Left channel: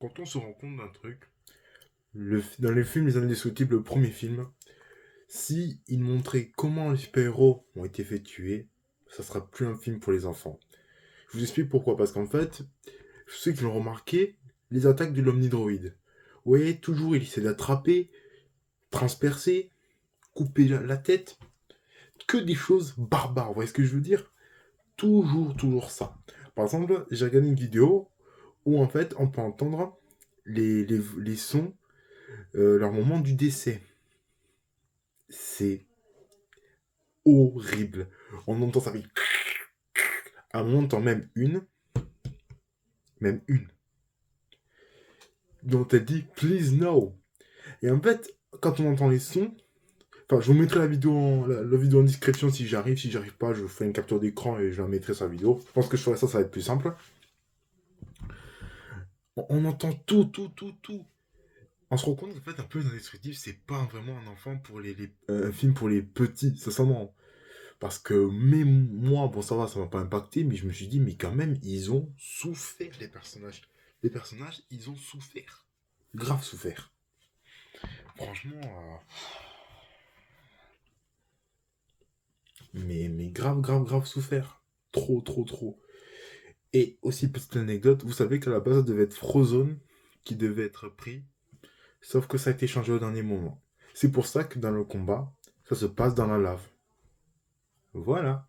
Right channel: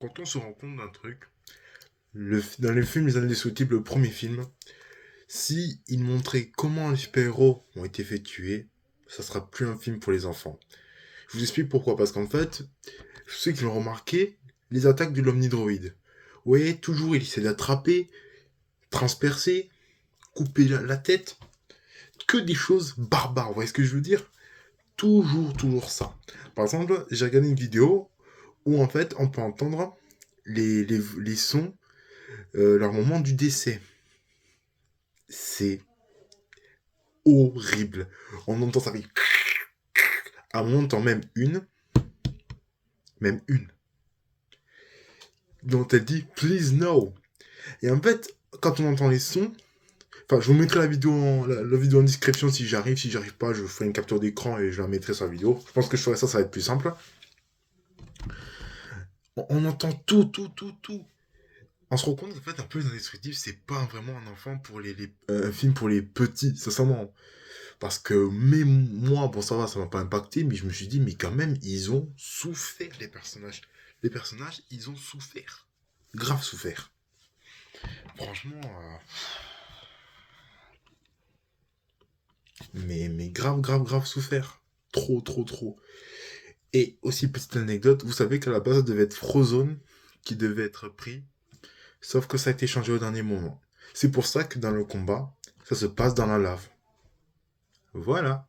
Quand on se rend compte d'un truc, dans les films Les Indestructibles, le premier film, si il montrait comment les super-héros ont été fait tuer, ça sera plus un film pour les enfants. Je vous explique pourquoi. Parce qu'en fait, ceux qui l'ont remarqué, les attaques de l'Omnidroid. Vous voyez, toujours il essaie d'attraper, transpercer, couper la tête. Que des choses barbares, vous voyez ce que je veux dire? Toujours ça. Par exemple, j'ai regardé une vidéo où en fait on peut entendre les sons, leur moment du décès. C'est horrible. On entend ça fait... À un moment, on entend même une, dont elle dit please no. Et en fait, quand on entend les sons, enfin, je vous mettrai la vidéo en description si j'arrive. Si j'arrive pas, je ferai une capture d'écran et je la mettrai sur la vidéo. Je pense que je ferai ça, ça va être plus simple. On entend tout. On se rend compte qu'en fait, un peu indestructible, c'est pas vraiment un enfant pour un film pour les petits, sincèrement. Parce que même moi, bon, ça m'a pas impacté, mais je me suis dit, mais quand même, ils ont souffert, les personnages. Les personnages, ils ont souffert. Grave souffert. Franchement, mais grave souffert. Trop. Et aussi, petite anecdote, vous savez qu'à la base, ça devait être Frozone qui devait être pris, sauf que ça a été changé au dernier moment. C'est pour ça que dans le combat, ça se passe dans la lave. Voilà.